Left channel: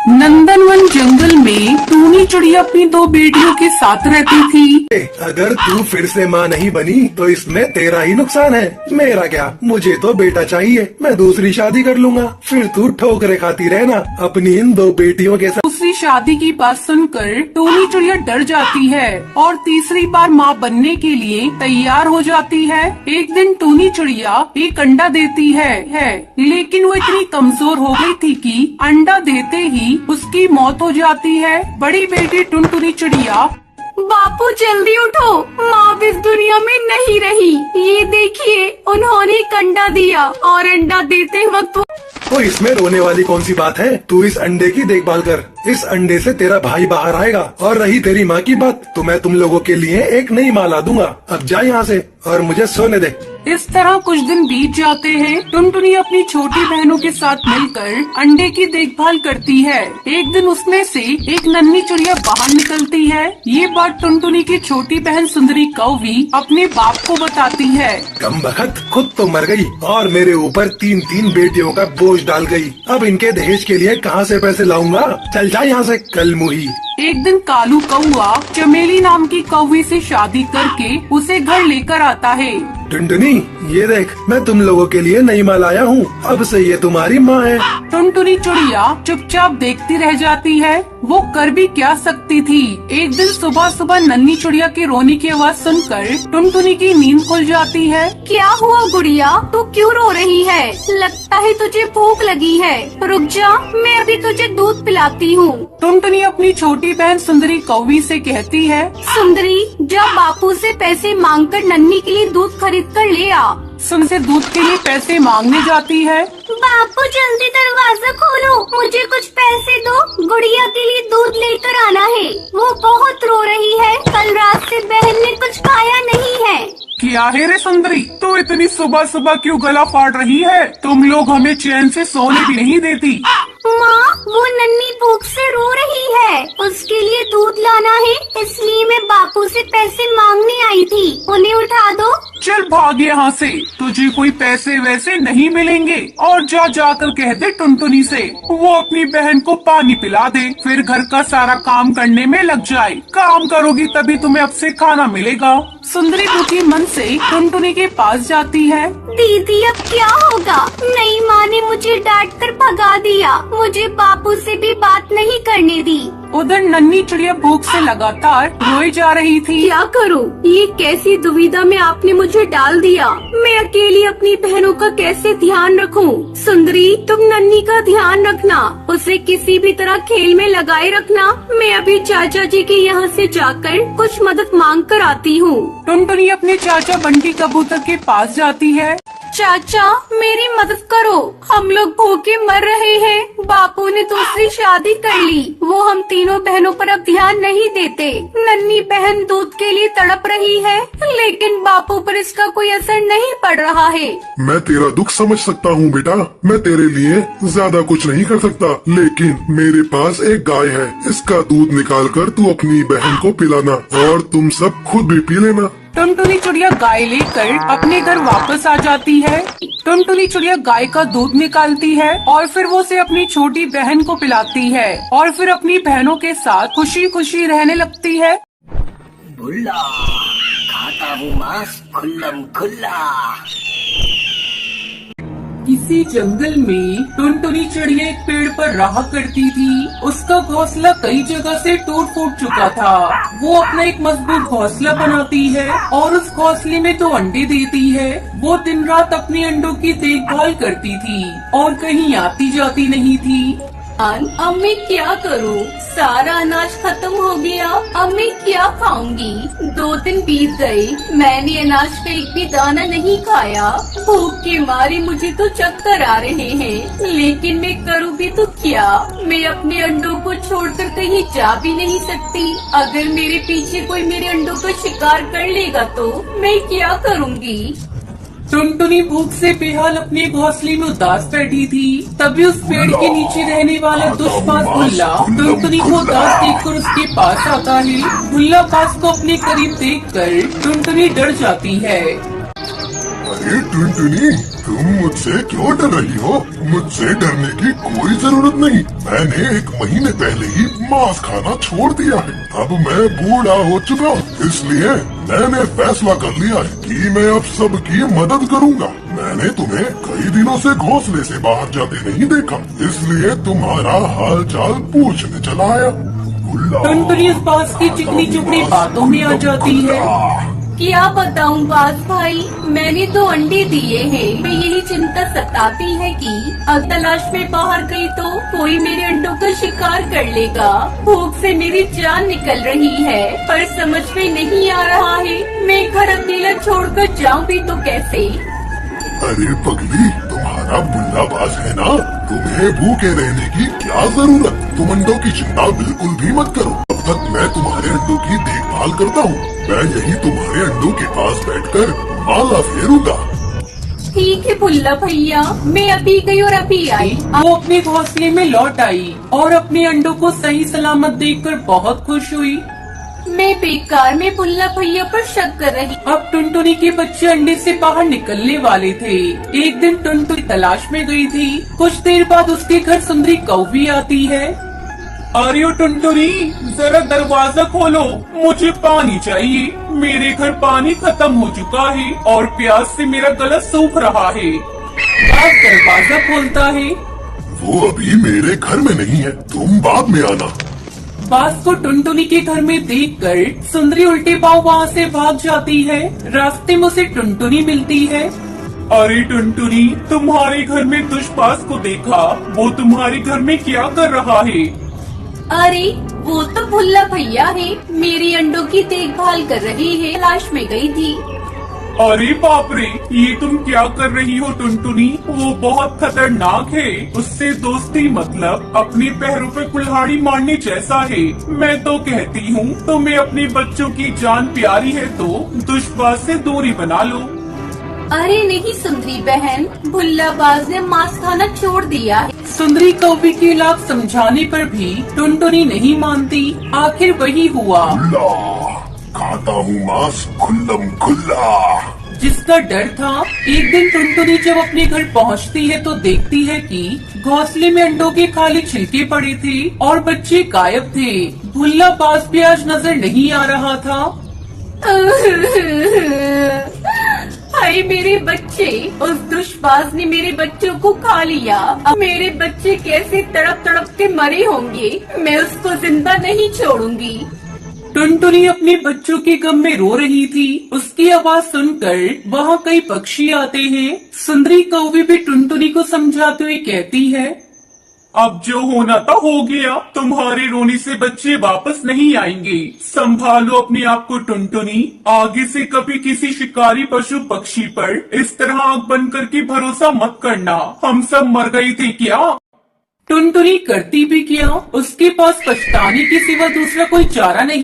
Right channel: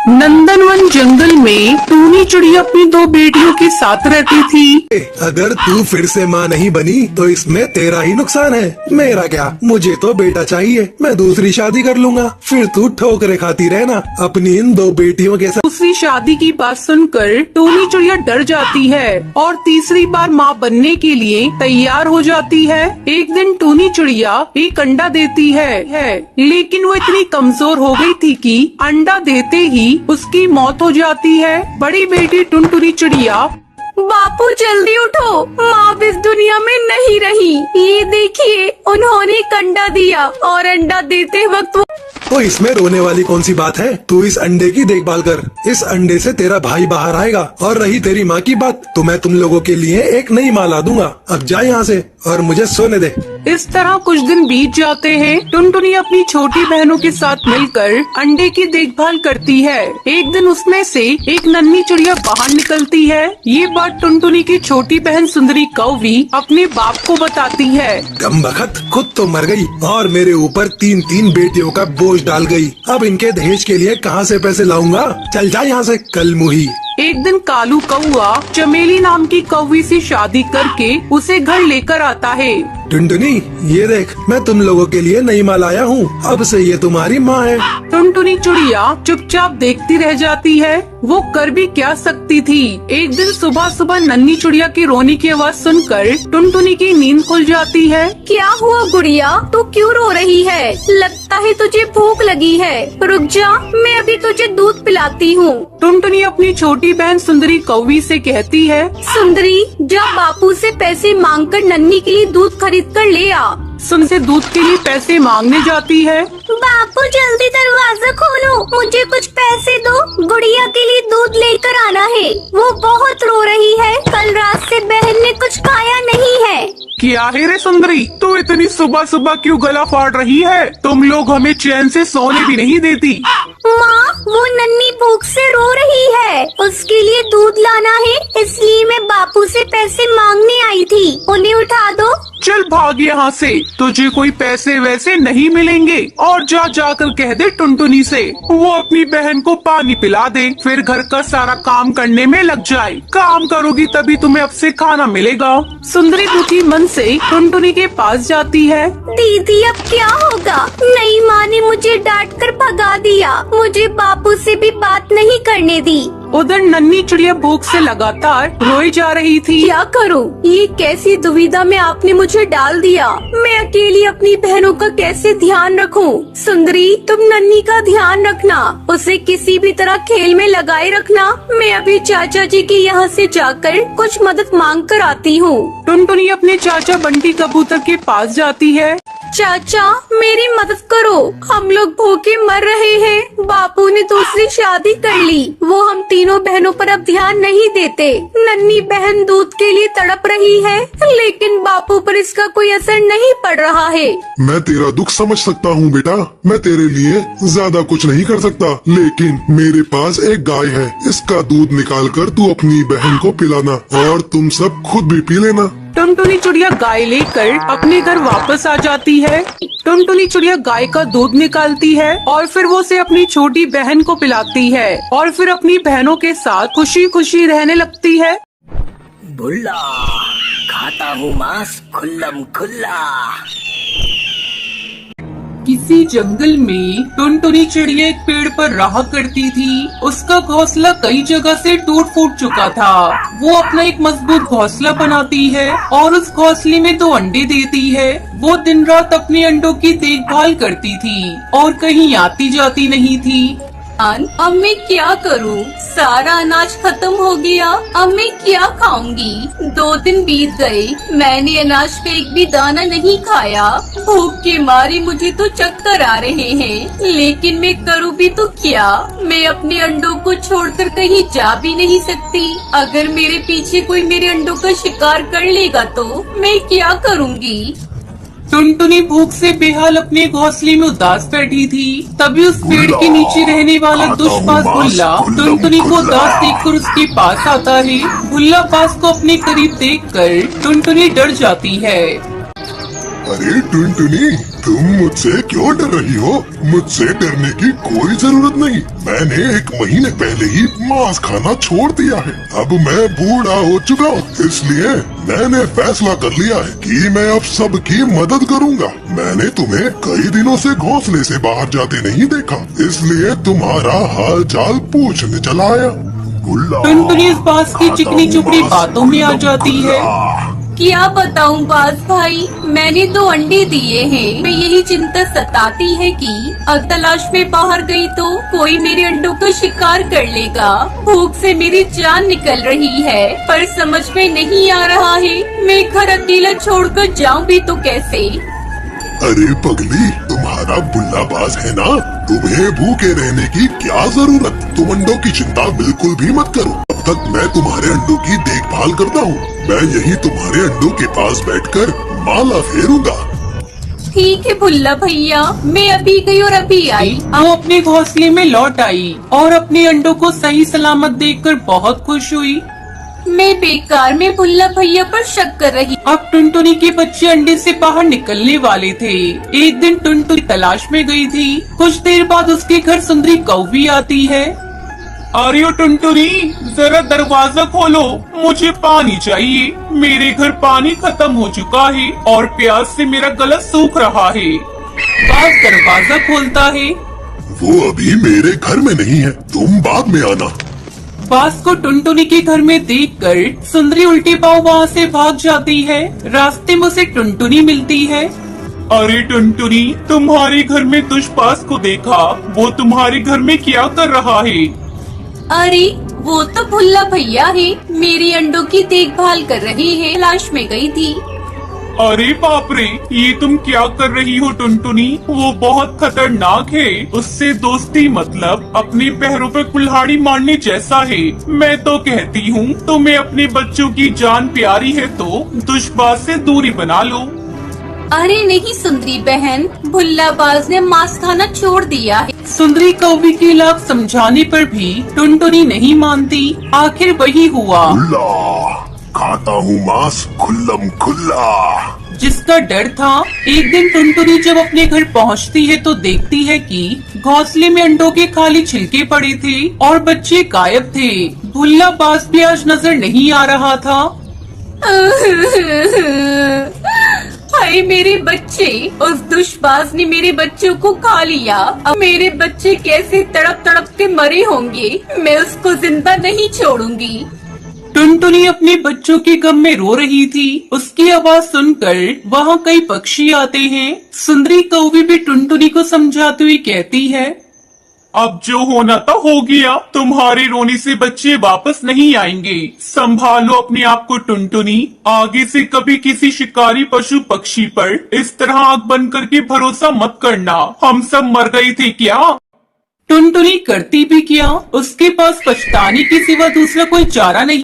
नंदनवन जंगल में टूनी चिड़िया अपनी दो बेटियों के साथ रहती थी। अगर तू फिर से माँ नहीं बनी तो इसमें तेरा ही नुकसान है, मेरा क्या। मुझे तो बेटा चाहिए, मैं दूसरी शादी कर लूंगा, फिर तू ठोकरे खाती रहना अपनी इन दो बेटियों के साथ। दूसरी शादी की बात सुनकर टूनी चिड़िया डर जाती है और तीसरी बार माँ बनने के लिए तैयार हो जाती है। एक दिन टूनी चिड़िया एक अंडा देती है, लेकिन वो इतनी कमजोर हो गई थी कि अंडा देते ही उसकी मौत हो जाती है। बड़ी बेटी टुनटुनी चिड़िया, बापू जल्दी उठो, माँ इस दुनिया में नहीं रही। ये देखिए, उन्होंने एक अंडा दिया और अंडा देते वक्त तो इसमें रोने वाली कौन सी बात है। तू इस अंडे की देखभाल कर, इस अंडे से तेरा भाई बाहर आएगा। और रही तेरी माँ की बात, तो मैं तुम लोगों के लिए एक नई माँ ला दूंगा। अब जा यहाँ से और मुझे सोने दे। इस तरह कुछ दिन बीत जाते हैं। टुनटुनी अपनी छोटी बहनों के साथ मिलकर अंडे की देखभाल करती है। एक दिन उसमें से एक नन्ही चिड़िया बाहर निकलती है। ये बात टुनटुनी की छोटी बहन सुंदरी कौवी अपने बाप को बताती है। कम बखत खुद तो मर गई और मेरे ऊपर तीन तीन बेटियों का बोझ डाल गई। अब इनके दहेज के लिए कहाँ से पैसे लाऊंगा। चल जा यहाँ से कल मुही। एक दिन कालू कौआ चमेली नाम की कौवी से शादी करके उसे घर लेकर आता है। टुनटुनी, ये देख, मैं तुम लोगों के लिए नई माँ लाया हूँ। अब से ये तुम्हारी माँ है। टुनटुनी चिड़िया चुपचाप देखती रह जाती है। वो कर भी क्या सकती थी। एक दिन सुबह सुबह नन्ही चिड़िया की रोने की आवाज सुनकर टुनटुनी की नींद खुल जाती है। क्या हुआ गुड़िया, तू क्यों रो रही है? लगता है तुझे भूख लगी है। रुक जा, मैं अभी तुझे दूध पिलाती हूँ। टुनटुनी अपनी छोटी बहन सुंदरी कौवी से कहती है, सुंदरी, जा बापू से पैसे मांगकर नन्ही के लिए दूध खरीद कर ले आ। सुनसे दूध के लिए पैसे मांगने जाती है। बापू जल्दी दरवाजा खोलो, मुझे कुछ पैसे दो, गुड़िया के लिए दूध लेकर आना है। वो बहुत रो रही है, कल रात से बहन ने कुछ खाया नहीं है। क्या है रे सुंदरी, तू इतनी सुबह सुबह क्यों गला फाड़ रही है? तुम लोग हमें चैन से सोने भी नहीं देती। माँ, वो नन्ही भूख से रो रही है, उसके लिए दूध लाना है, इसलिए मैं बापू से पैसे मांगने आई थी। उन्हें उठा दो। चल भाग यहाँ से, तुझे कोई पैसे वैसे नहीं मिलेंगे। और जा जाकर कह दे टुनटुनी से वो अपनी बहन को पानी पिला दे, फिर घर का सारा काम करने में लग जाए। काम करोगी तभी तुम्हें अब से खाना मिलेगा। सुंदरी दुखी मन से टुनटुनी के पास जाती है। दीदी, अब क्या होगा? नई माँ ने मुझे डांट कर भगा दिया, मुझे बापू से भी बात नहीं करने दी। उधर नन्ही चिड़िया भूख से लगातार रोई जा रही थी। क्या करूं? ये कैसी दुविधा में आपने मुझे डाल दिया। मैं अकेली अपनी बहनों का कैसे ध्यान रखूं? सुंदरी, तुम नन्ही का ध्यान रखना, उसे किसी भी तरह खेल में लगाए रखना। मैं अभी चाचा जी के यहाँ से जाकर कुछ मदद मांग कर आती हूँ। टुनटुनी अपने चाचा बंटी कबूतर के पास जाती है। चाचा, मेरी मदद करो, हम लोग भूखे मर रहे हैं। बापू ने दूसरी शादी कर ली, वो हम तीनों बहनों पर अब ध्यान नहीं देते। नन्ही बहन दूध के लिए तड़प रही है, लेकिन बापू पर इसका कोई असर नहीं पड़ रहा है। मैं तेरा दुख समझ सकता हूँ बेटा, मैं तेरे लिए ज्यादा कुछ नहीं कर सकता, लेकिन मेरे पास एक गाय है, इसका दूध निकाल कर तू अपनी बहन को पिलाना और तुम सब खुद भी पी लेना। टुनटुनी चिड़िया गाय लेकर अपने घर वापस आ जाती है। टुनटुनी चिड़िया गाय का दूध निकालती है और फिर वो उसे अपनी छोटी बहन को पिलाती है और फिर अपनी बहनों के साथ खुशी खुशी रहने लगती है। बुल्ला, खाता हूँ मांस खुल्लम खुल्ला। किसी जंगल में टुनटुनी चिड़िया एक पेड़ पर रहा करती थी। उसका घोंसला कई जगह से टूट फूट चुका था। वो अपना एक मजबूत घोंसला बनाती है और उस घोंसले में 2 अंडे देती है। वो दिन रात अपने अंडों की देखभाल करती थी और कहीं आती जाती नहीं थी। अब मैं क्या करूं? सारा अनाज खत्म हो गया, अब मैं क्या खाऊंगी? 2 दिन बीत गए, मैंने अनाज का एक भी दाना नहीं खाया। भूख के मारे मुझे तो चक्कर आ रहे हैं, लेकिन मैं करूँ भी तो क्या? मैं अपने अंडों को छोड़कर कहीं जा भी नहीं सकती। अगर मेरे पीछे कोई मेरे अंडों का शिकार कर लेगा तो मैं क्या करूँगी? टुनटुनी भूख से बेहाल अपने घोंसले में उदास बैठी थी। तभी उस पेड़ के नीचे रहने वाला दुष्पास भुल्ला टुनटुनी को उदास देखकर उसके पास आता है। भुल्ला पास को अपने करीब देखकर टुनटुनी डर जाती है। अरे अरे टुनटुनी, तुम मुझसे क्यों डर रही हो? मुझसे डरने की कोई जरूरत नहीं। मैंने 1 महीने पहले ही मांस खाना छोड़ दिया है। अब मैं बूढ़ा हो चुका हूँ, इसलिए मैंने फैसला कर लिया है कि मैं अब सबकी मदद करूँगा। मैंने तुम्हें कई दिनों से घोंसले से बाहर जाते नहीं देखा, इसलिए तुम्हारा हाल चाल पूछने चला आया। टुनटुनी इस बास की चिकनी चुपड़ी बातों में आ जाती है। क्या बताऊं बास भाई, मैंने 2 अंडे दिए हैं। मैं यही चिंता सताती है कि अब तलाश में बाहर गई तो कोई मेरे अंडों का शिकार कर लेगा। भूख से मेरी जान निकल रही है, पर समझ में नहीं आ रहा है मैं घर अकेला छोड़कर जाऊं भी तो कैसे। अरे पगली, तुम्हारा बुल्लाबाज है ना, तुम्हें भूखे रहने की क्या जरूरत। तुम अंडों की चिंता बिल्कुल भी मत करो। अब तक मैं तुम्हारे अंडों की देखभाल करता हूँ। मैं यही तुम्हारे अंडों के पास बैठकर माला फेरूंगा। ठीक है भुल्ला भैया, मैं अभी गई और अभी आई। वो अपने घोंसले में लौट आई और अपने अंडों को सही सलामत देखकर बहुत खुश हुई। मैं बेकार में भुल्ला भैया पर शक कर रही। अब टुनटुनी के बच्चे अंडे से बाहर निकलने वाले थे। एक दिन टुनटुनी तलाश में गई थी। कुछ देर बाद उसके घर सुंदरी कौवी आती है। आर्यो टुनटुनी, जरा दरवाजा खोलो, मुझे पानी चाहिए। मेरे घर पानी खत्म हो चुका है और प्यास से मेरा गला सूख रहा है। बाघ दरवाजा खोलता है। वो अभी मेरे घर में नहीं है, तुम बाद में आना। बास को टुनटुनी के घर में देखकर सुंदरी उल्टे पांव वहाँ से भाग जाती है। रास्ते में उसे टुनटुनी मिलती है। अरे टुनटुनी, तुम्हारे घर में दुष्पास को देखा, वो तुम्हारे घर में क्या कर रहा है? अरे वो तो भुल्ला भैया है, मेरी अंडों की देखभाल कर रही है। तलाश में गई थी। अरे बाप रे, ये तुम क्या कर रही हो टुनटुनी? वो बहुत खतरनाक है। उससे दोस्ती मतलब अपने पैरों पे कुल्हाड़ी मारने जैसा है। मैं तो कहती हूँ तुम्हें अपने बच्चों की जान प्यारी है तो दुष्पास से दूरी बना लो। अरे नहीं सुंदरी बहन, भुल्लाबाज ने मांस खाना छोड़ दिया है। सुंदरी कौवी की लाख समझाने पर भी टुनटुनी नहीं मानती। आखिर वही हुआ खाता हूँ मांस खुल्लम खुल्ला। जिसका डर था। एक दिन टुनटुनी जब अपने घर पहुंचती है तो देखती है कि घोंसले में अंडों के खाली छिलके पड़े थे और बच्चे गायब थे। भुल्लाबाज भी आज नजर नहीं आ रहा था। हाय मेरे बच्चे, उस दुष्पास ने मेरे बच्चों को खा लिया। अब मेरे बच्चे कैसे तड़प तड़प के मरे होंगे। मैं उसको जिंदा नहीं छोड़ूंगी। टुनटुनी अपने बच्चों के गम में रो रही थी। उसकी आवाज सुनकर वहाँ कई पक्षी आते हैं। सुंदरी कौवी भी टुनटुनी को समझाते हुए कहती है, अब जो होना था हो गया। तुम्हारे रोने से बच्चे वापस नहीं आएंगे। संभालो अपने आप को टुनटुनी। आगे से कभी किसी शिकारी पशु पक्षी पर इस तरह आंख बंद करके भरोसा मत करना। हम सब मर गए थे क्या? टुनटुनी करती भी क्या? उसके पास पछताने के सिवा दूसरा कोई चारा नहीं।